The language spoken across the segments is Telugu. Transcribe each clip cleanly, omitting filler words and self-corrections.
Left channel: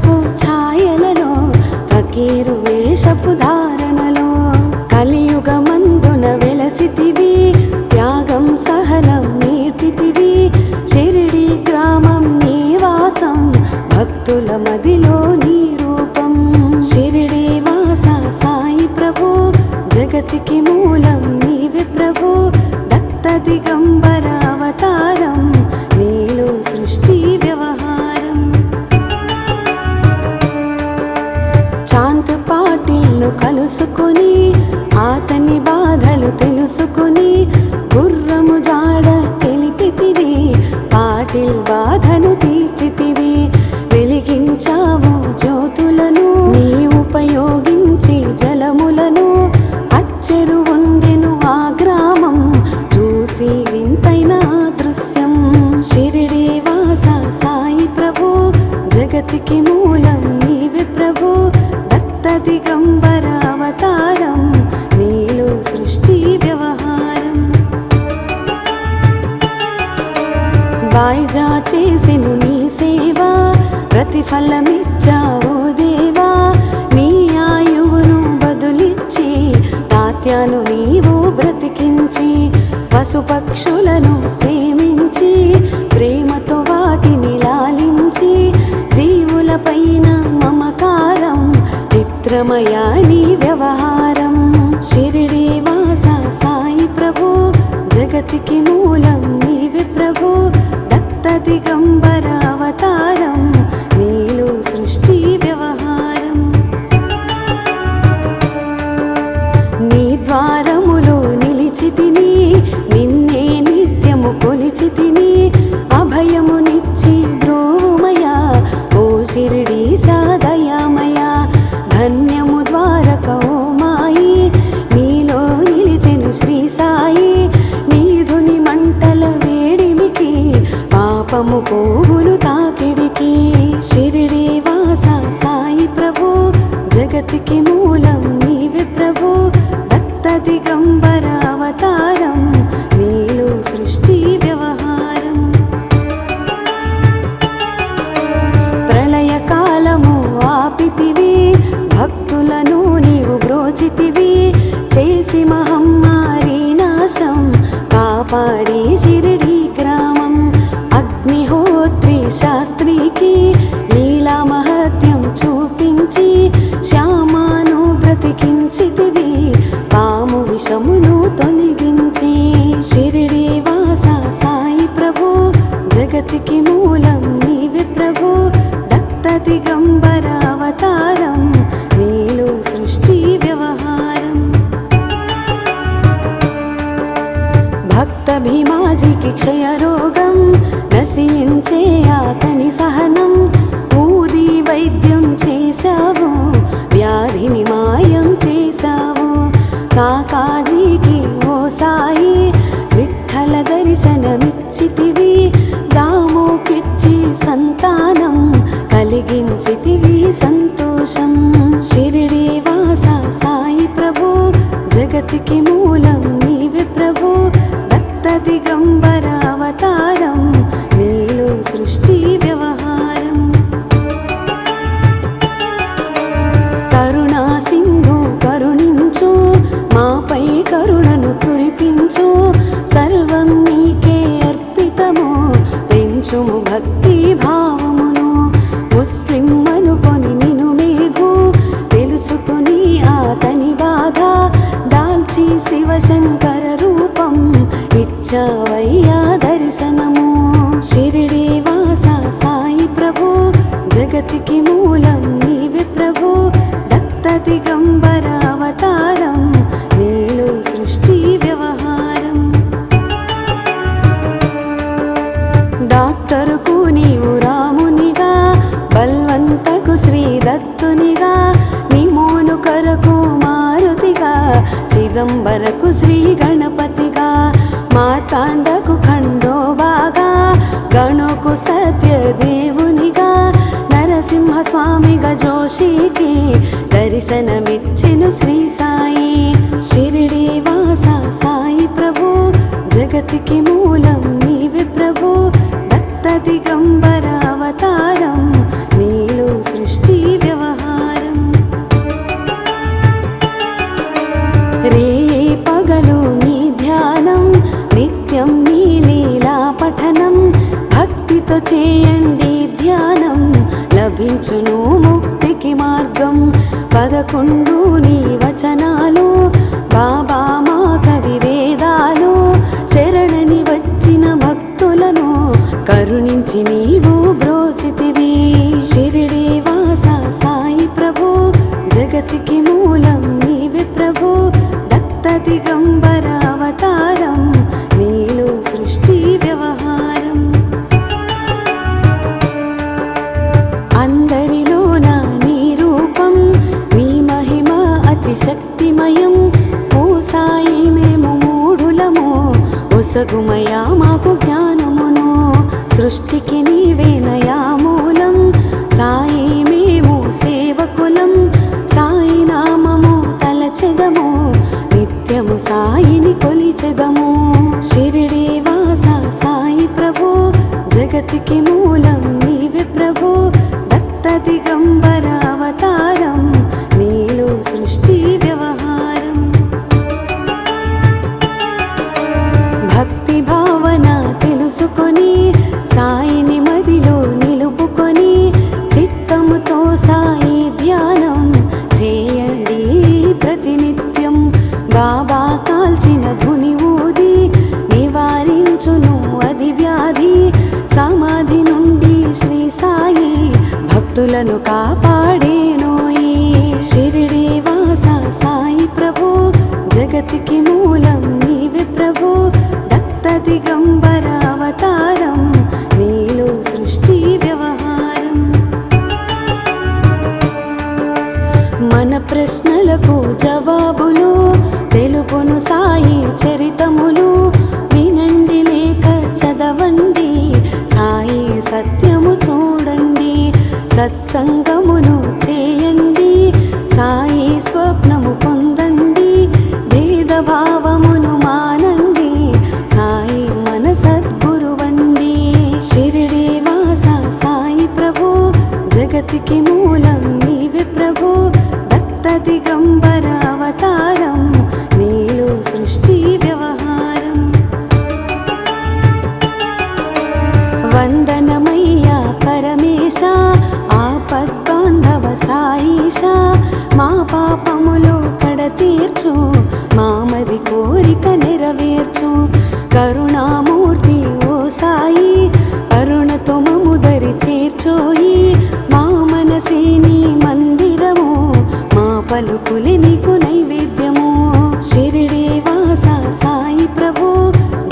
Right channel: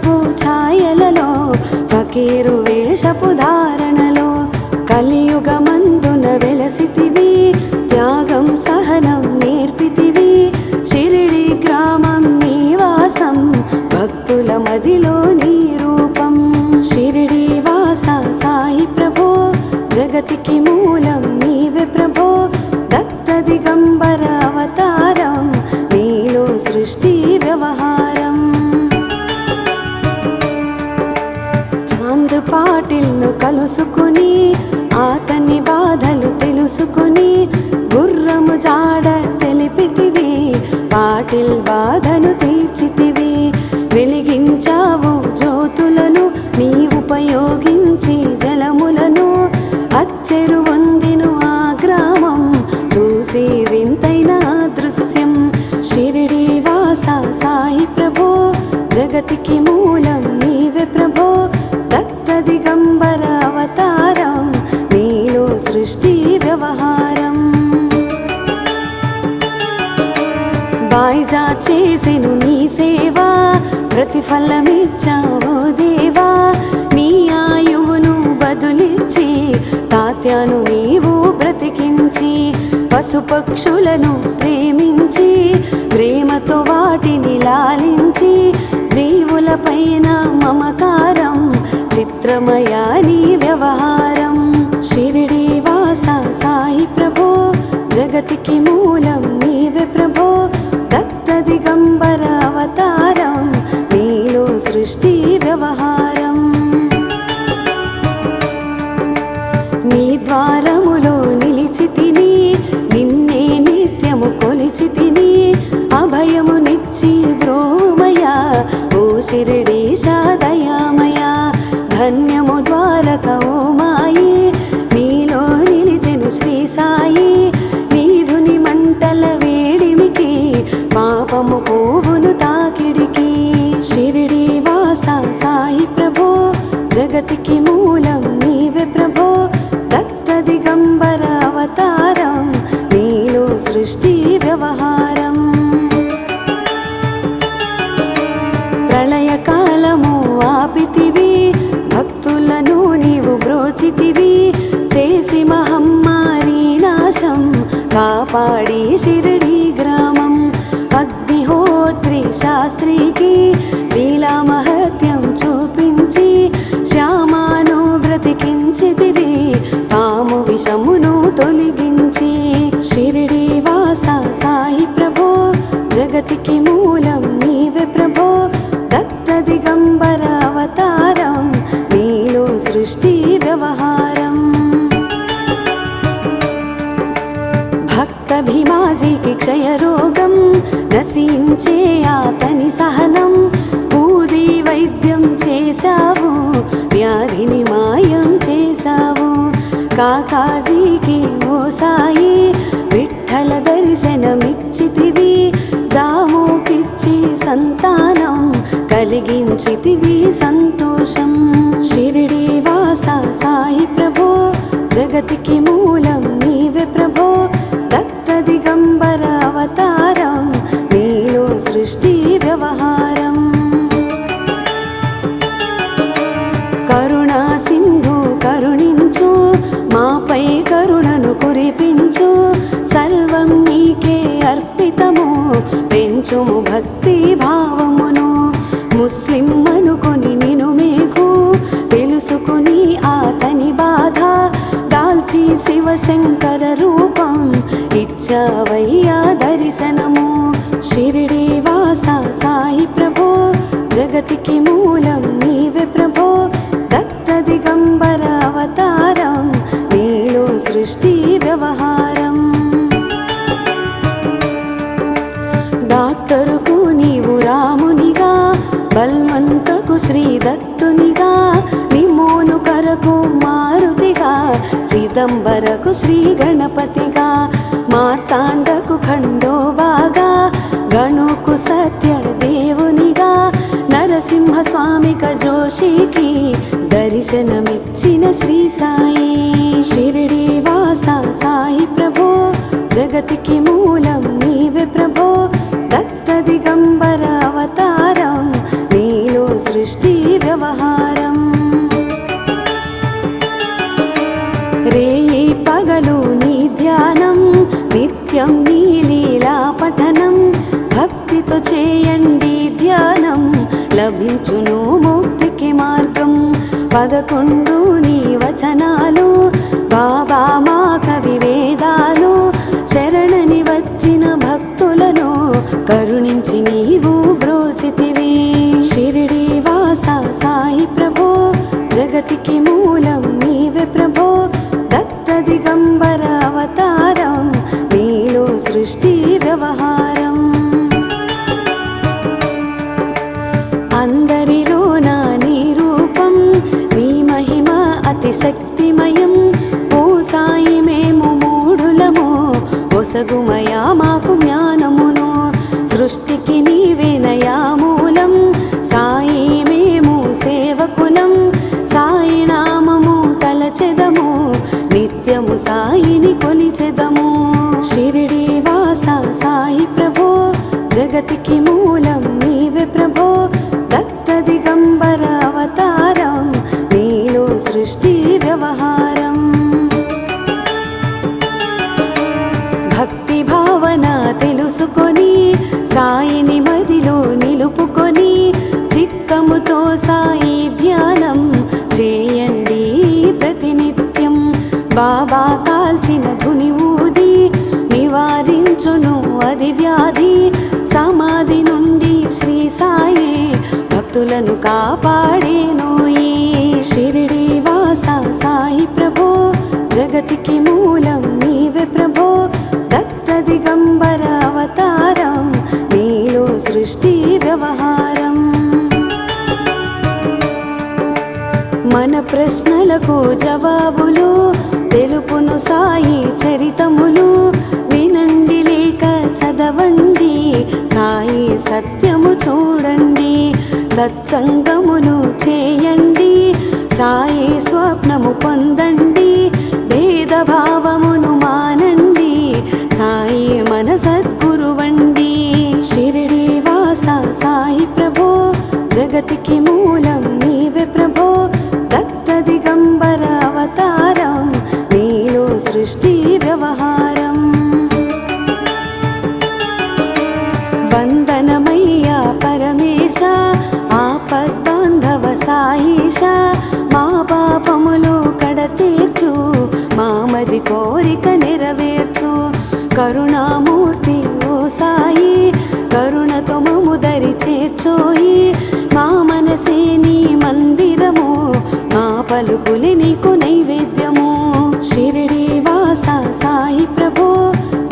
వృక్షపు ఛాయలలో ఫకీరు వేషపు ధారణలో కలియుగమందున వెలసితివి, త్యాగం సహనం నేర్పితివి. షిరిడి గ్రామం నీవాసం, భక్తుల మదిలో నీ రూపం. షిరిడి వాస సాయి ప్రభు, జగతికి మూలం నీవే ప్రభు. దత్త దిగంబర అవతారం, నీలో సృష్టి వ్యవహారం. చాంద్ర పాటిల్ను కలుసుకుని, అతని బాధలు తెలుసుకుని, గుర్రము జాడ తెలిపితివి, పాటిల్ బాధను తీర్చితివి. వెలిగించావు జ్యోతులను, నీ ఉపయోగించి జలములను. అచ్చెరు వంగెను ఆ గ్రామం, చూసి వింతైన దృశ్యం. షిరిడి వాస సాయి ప్రభు, జగతికి మూలం నీవే ప్రభు. దత్త దిగంబర అవతారం, నీలో సృష్టి వ్యవహారం. వాయిదా చేసెను నీ సేవ, ప్రతిఫలమిచ్చావో దేవా. నీ ఆయువును బదులిచ్చి, తాత్యాను నీవు బ్రతికించి. పశుపక్షులను ప్రేమించి, ప్రేమతో వాటిని లాలించి. జీవులపైన మమకారం, చిత్రమయా నీ వ్యవహారం. షిరిడి వాస సాయి ప్రభు, జగతికి మూలం నీవే ప్రభు. దత్త దిగంబర అవతారం, నీలో సృష్టి వ్యవహారం. నీ ద్వారములో నిలిచితిని, నిన్నే నిత్యము కొలిచితిని. అభయమునిచ్చి ప్రోమయ, ఓ షిరిడీశ దయామయ. ధన్యము ద్వారక ఓ మాయి, నీలో నిలిచెను శ్రీ సాయి. నీధుని మంటల వేడిమికి, పాపము పోవును తాకిడికి. షిరిడి వాస సాయి ప్రభు, జగతికి మూలం నీవే ప్రభు. దత్త దిగంబర అవతారం, నీలో సృష్టి వ్యవహారం. ప్రళయ కాలము ఆపితివి, భక్తులను నీవు బ్రోచితివి. చేసి మహమ్మారి నాశం, కాపాడి షిరిడి గ్రామం. అగ్నిహోత్రి శాస్త్రికి, లీలా మహత్యం చూపించి. శ్యామాను బ్రతికించితివి, పాము విషమును తొలగించి. షిరిడి వాస సాయి ప్రభు, జగతికి మూలం నీవే ప్రభు. దత్త దిగంబర అవతారం, నీలో సృష్టి వ్యవహారం. భక్త భీమాజీకి క్షయరోగం, నశించే అతని సహనం. పూరి వైద్యం చేశావు, వ్యాధిని మాయం చేశావు. కాకాజీకి ఓ సాయి, విఠ్ఠల దర్శనమిచ్చితివి. దావుకిచ్చి సంతానం, కలిగించితివి సంతోషం. షిరిడి వాస సాయి ప్రభు, జగతికి మూలం నీవే ప్రభు. దత్త దిగంబర అవతారం, నీలో సృష్టి వ్యవహారం. కరుణా సింధు కరుణించు, మాపై కరుణను కురిపించు. సర్వం నీకే అర్పితము, పెంచుము భక్తి భావమును. ముస్లిం అనుకొని నిను మీకు, తెలుసుకుని అతని బాధ. దాల్చి శివశంకర రూపం, ఇచ్చావయ్యా దర్శనము. షిరిడి వాస సాయి ప్రభు, జగతికి మూలం నీవే ప్రభు. దత్త దిగంబర అవతారం, నీలో సృష్టి వ్యవహారం. డాక్టరుకు నీవు రామునిగా, బల్వంతకు శ్రీ దత్తునిగా. నిమోను కరకు మారుతిగా, చిదంబరకు శ్రీ గణపతిగా. మార్తాండకు ఖండోబాగా, గణుకు సత్య దేవునిగా. నరసింహ స్వామిగా జోషికి, దర్శనమిచ్చిన శ్రీ సాయి. షిరిడి వాస సాయి ప్రభు, జగతికి మూలం నీవే ప్రభు. దత్త దిగంబర అవతారం, నీలో సృష్టి చూపించును ముక్తికి మార్గం. 11 నీ వచనాలు బాబా మా కవి వేదాలు. శరణని వచ్చిన భక్తులను కరుణించి నీవు బ్రోచితివి. షిరిడి వాస సాయి ప్రభు జగతికి మూలం నీవే ప్రభు. దత్త దిగంబర అవతారం నీరు సృష్టి వ్యవహారం. అందరిలోన నీ రూపం నీ మహిమ అతి శక్తిమయం. ఓ సాయి మేము మూఢులము ఒసగుమయా మాకు జ్ఞానమును. సృష్టికి నీవేనయా మూలం సాయి మేము సేవకులం. సాయి నామము తలచెదము నిత్యము సాయిని కొలిచెదము. షిరిడి వాస సాయి ప్రభు జగతికి మూలం నీవే ప్రభు. దత్త దిగంబర అవతారం నీరు సృష్టి వ్యవహారం. భక్తి భావన తెలుసుకొని సాయిని మదిలో నిలుపుకొని చిత్తముతో సాయి ధ్యానం చేయండి ప్రతినిత్యం. బాబా కాల్చిన తుని ఊది నివారించును అది వ్యాధి. సమాధి నుండి శ్రీ సాయి భక్తులను కాపాడేను ఈ షిరిడి వాస సాయి ప్రభు జగతికి మూలం నీవే ప్రభు. దత్త దిగంబర అవతారం నీరు సృష్టి వ్యవహారం. మన ప్రశ్నలకు జవాబులు తెలుపును సాయి చరితములు. వినండి లేక చదవండి సాయి సత్యము చూడండి. సత్సంగమును చేయండి సాయి స్వప్నము పొందండి. భేదభావమును మానండి సాయి మన సద్గురువండి. షిరిడి వాస సాయి ప్రభు జగతికి మూలం నీవే ప్రభు. దత్త దిగంబర అవతారం నీరు సృష్టి వ్యవహారం. వందనమయ్యా పరమేశ ఆపద్బాంధవ సాయిష. మా పాపములు కడతీర్చు మామది కోరిక నెరవేర్చు. కరుణామూర్తి ఓ సాయి కరుణతో మము దరి చేర్చోయి. మా మనసే నీ మందిరము మా పలుకులి నీకు నైవేద్యము. షిరిడి వాస సాయి ప్రభు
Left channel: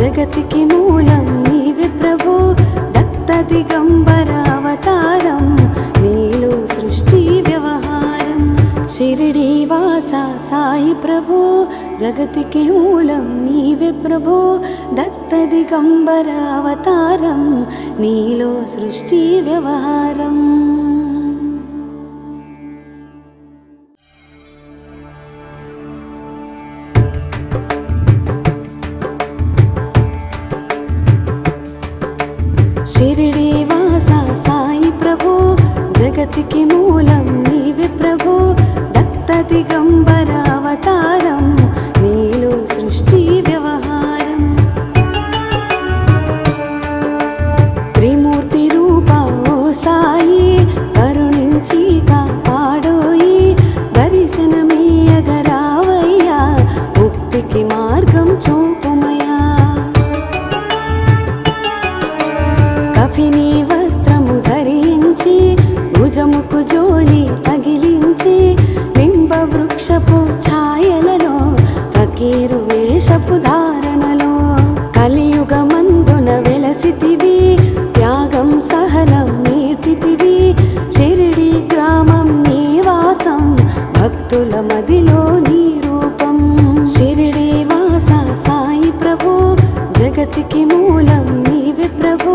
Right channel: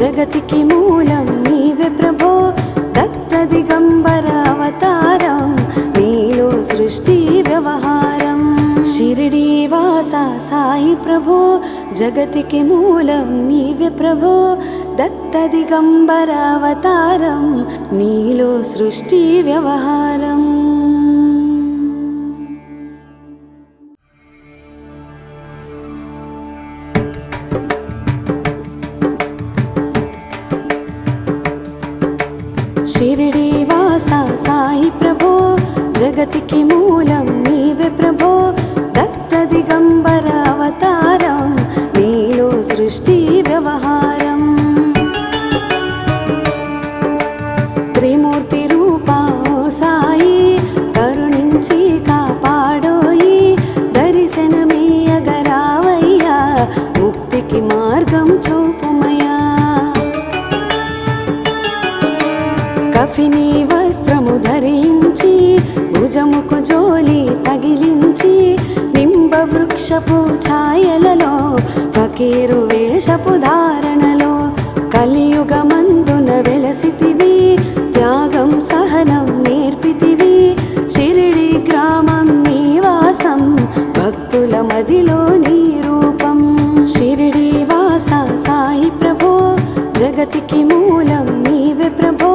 జగతికి మూలం నీవే ప్రభు. దత్త దిగంబర అవతారం నీరు సృష్టి వ్యవహారం. షిరిడి వాస సాయి ప్రభు జగతికి మూలం నీవే ప్రభు. దత్త దిగంబర అవతారం నీలో సృష్టి వ్యవహారం. షిరిడి వాస సాయి ప్రభు జగతికి మూలం నీవే ప్రభు. దత్త దిగంబర అవతారం నీరు సృష్టి వ్యవహారం. త్రిమూర్తి రూప ఓ సాయి కరుణించి కాపాడోయి. దర్శనమీయగరావయ్యా ముక్తికి మార్గం చూపుమయ్యా. కఫిని వస్త్రము ధరించి భుజముకు జోలి తగిలించి నింబ వృక్షపు ఛాయలలో ఫకీరు వేషపు ధారణలో కలియుగమందున వెలసితివి. త్యాగం సహనం నేర్పితివి. షిరిడి గ్రామం నీ వాసం భక్తుల మదిలో నీ రూపం. షిరిడి వాస సాయి ప్రభు జగతికి మూలం నీవే ప్రభు.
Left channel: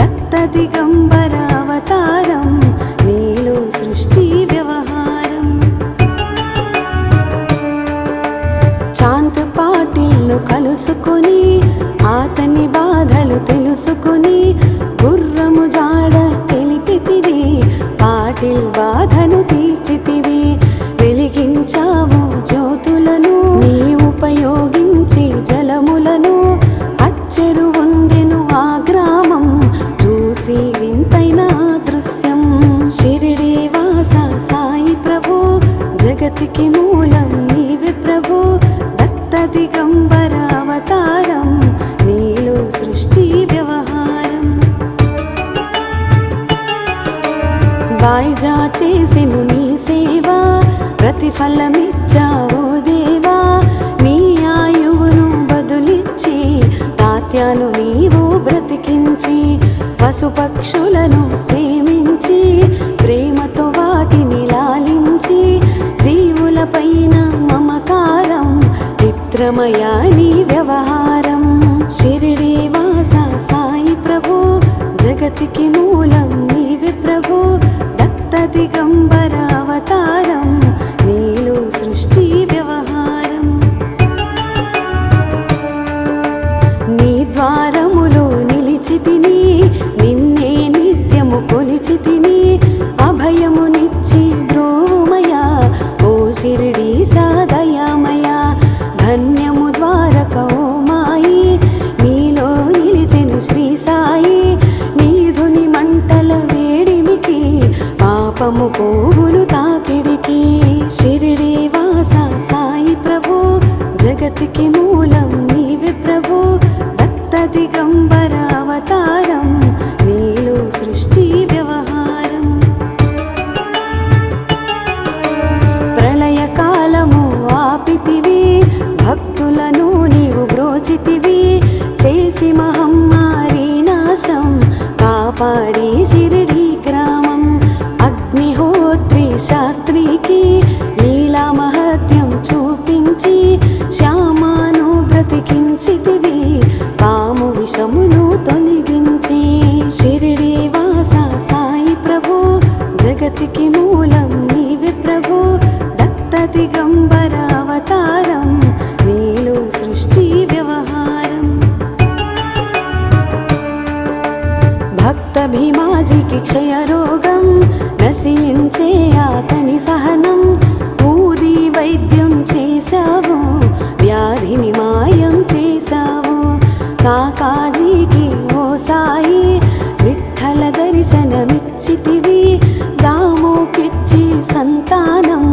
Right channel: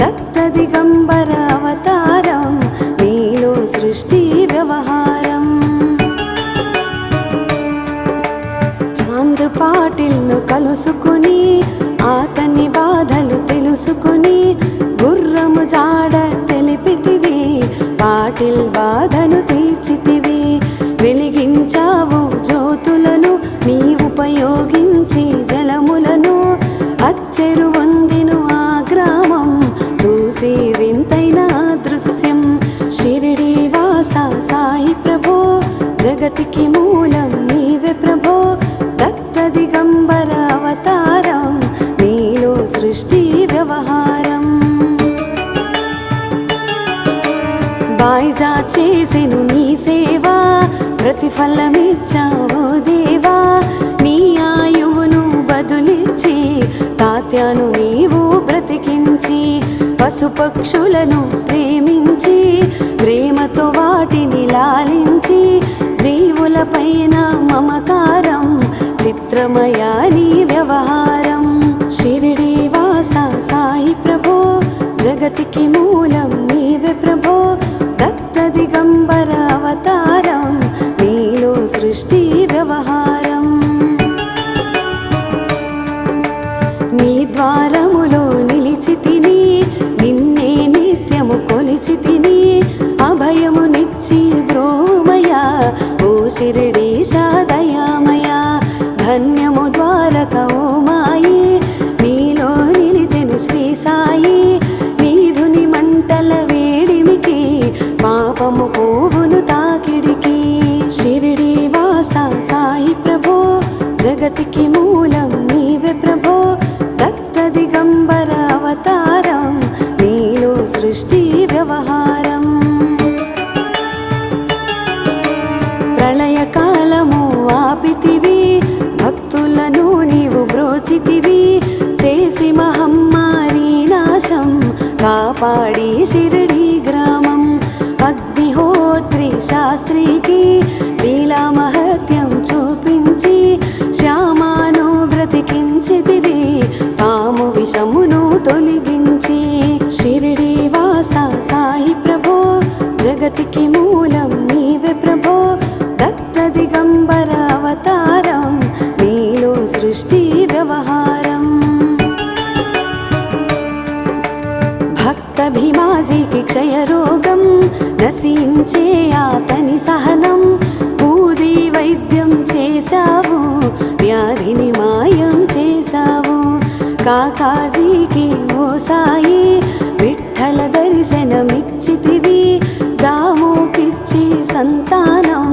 దత్త దిగంబర అవతారం నీరు సృష్టి వ్యవహారం. చాంద్ర పాటిల్ను కలుసుకుని ఆతని బాధలు తెలుసుకుని గుర్రము జాడ తెలిపితివి. పాటిల్ బాధను తీర్చితివి. వెలిగించావు జ్యోతులను నీ ఉపయోగించి జలములను. అచ్చెరు వంగిను ఆ గ్రామం చూసి వింతైన దృశ్యం. షిరిడి వాయిదా చేసెను నీ సేవ, ప్రతిఫలమిచ్చావు దేవా. నీ ఆయువును బదులిచ్చి తాత్యాను నీవు బ్రతికించి, పశుపక్షులను ప్రేమించి ప్రేమతో వాటిని లాలించి, జీవులపైన మమకారం చిత్రమయా నీ వ్యవహారం. షిరిడి వాస సాయి ప్రభు, జగతికి మూలం నీవే ప్రభు. రక్త దిగంబర అవతారం, నీరు సృష్టి వ్యవహారం. నీ ద్వారములో నిలిచితిని, నిన్నే నిత్యము కొలిచితిని. అభయమునిచ్చి ప్రోమయా ఓ షిరిడీశ దయామయ. ధన్యము ద్వారక ఓ మాయి, నీలో నిలిచెను శ్రీ సాయి. నీధుని మంటల వేడిమికి పాపము పోవును తాకిడికి. షిరిడి వాస సాయి ప్రభు, జగతికి మూలం నీవే ప్రభు. రక్త దిగంబర అవతారం, నీరు సృష్టి వ్యవహారం. ప్రళయ కాలము ఆపితివి, భక్తులను నీవు బ్రోచితివి. చేసి మహమ్మారి నాశం, కాపాడి షిరిడి గ్రామం. అగ్నిహోత్రి శాస్త్రికి లీలా మహత్యం చూపించి, శ్యామాను బ్రతికించితివి, పాము విషమును తొలగించి. షిరిడి వాస సాయి ప్రభు, జగతికి మూలం నీవే ప్రభు. రక్త దిగంబర అవతారం, నీరు సృష్టి వ్యవహారం. భక్త భీమాజీకి క్షయరోగం, నశించే అతని సహనం. ఊది వైద్యం చేశావు, వ్యాధిని మాయం చేశావు. కాకాజీకి ఓ సాయి, విఠ్ఠల దర్శనమిచ్చితివి. దావుకిచ్చి సంతానం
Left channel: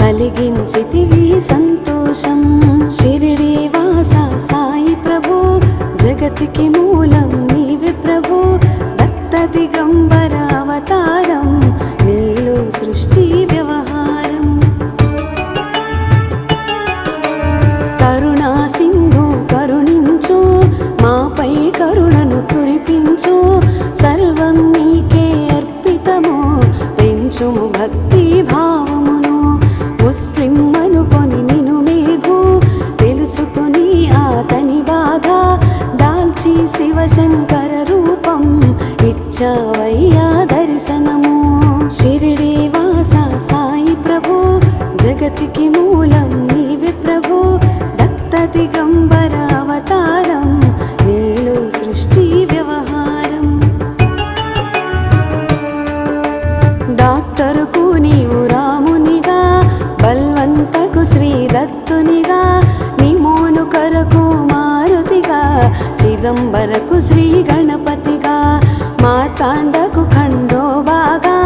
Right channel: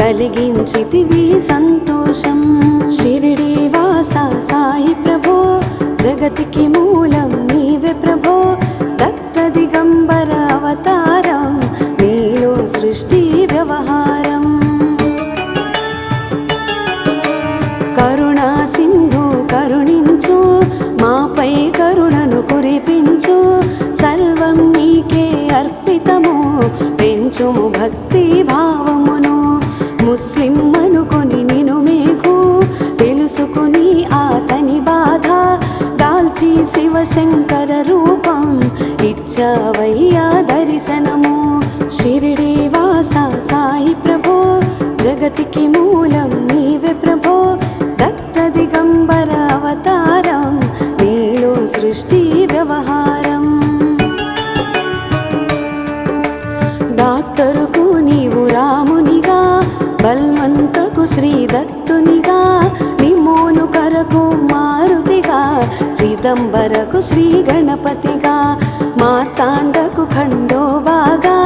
కలిగించితివి సంతోషం. షిరిడి వాస సాయి ప్రభు, జగతికి మూలం నీవే ప్రభు. రక్త దిగంబర అవతారం, నీరు సృష్టి వ్యవహారం. కరుణా సింధు కరుణించు, మాపై కరుణను కురిపించు. సర్వం నీకే అర్పితము, పెంచుము భక్తి భావమును. ముస్లిం అనుకొని నిను మీకు తెలుసుకుని అతని బాధ, దాల్చి శివశంకర రూపం ఇచ్చావయ్యా దర్శనము. షిరిడి వాస సాయి ప్రభు, జగతికి మూలం నీవే ప్రభు. రక్త దిగంబర అవతారం, నీరు సృష్టి వ్యవహారం. డాక్టరుకు నీవు రామునిగా, బల్వంతకు శ్రీ దత్తునిగా. నిమోను కరకు మారుతిగా, చిదంబరకు శ్రీ గణపతిగా. మార్తాండకు ఖండోబాగా,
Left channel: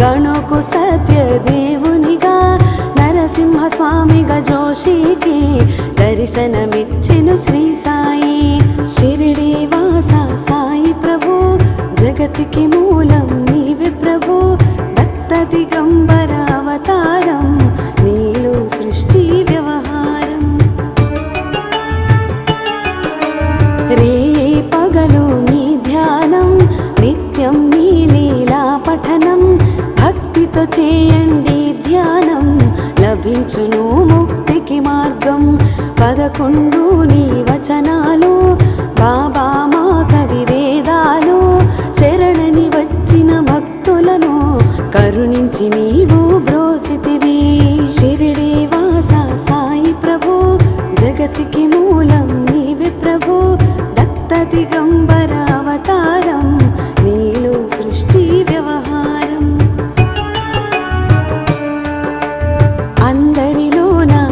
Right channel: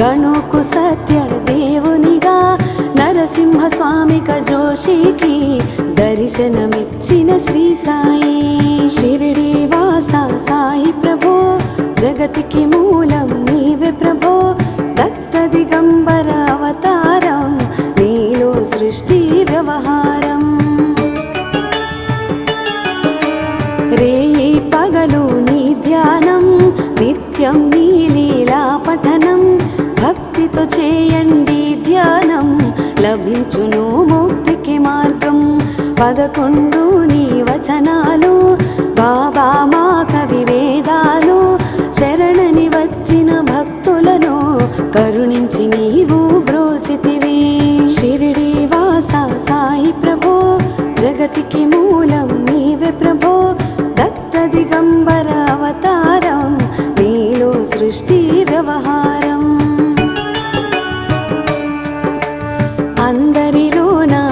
గణుకు సత్య దేవునిగా. నరసింహ స్వామిగా జోషికి దర్శనమిచ్చిన శ్రీ సాయి. షిరిడి వాస సాయి ప్రభు, జగతికి మూలం నీవే ప్రభు. రక్త దిగంబర అవతారం, నీరు సృష్టి వ్యవహారం. రేయి పగలు నీ ధ్యానం, నిత్యం నీ లీలా పఠనం. భక్తితో చేయండి ధ్యానం, లభించును ముక్తికి మార్గం. 11 నీ వచనాలు, బాబా మా కవి వేదాలు. శరణని వచ్చిన భక్తులను కరుణించి నీవు బ్రోచితివి. షిరిడి వాస సాయి ప్రభు, జగతికి మూలం నీవే ప్రభు. రక్త దిగంబర అవతారం, నీరు సృష్టి వ్యవహారం. అందరిలో నా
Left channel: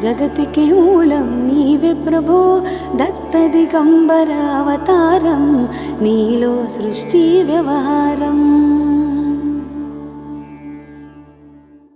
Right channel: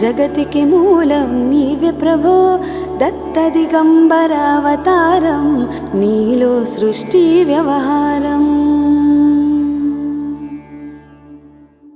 జగతికి మూలం నీవే ప్రభో దత్త దిగంబరావతారం నీలో సృష్టి వ్యవహారం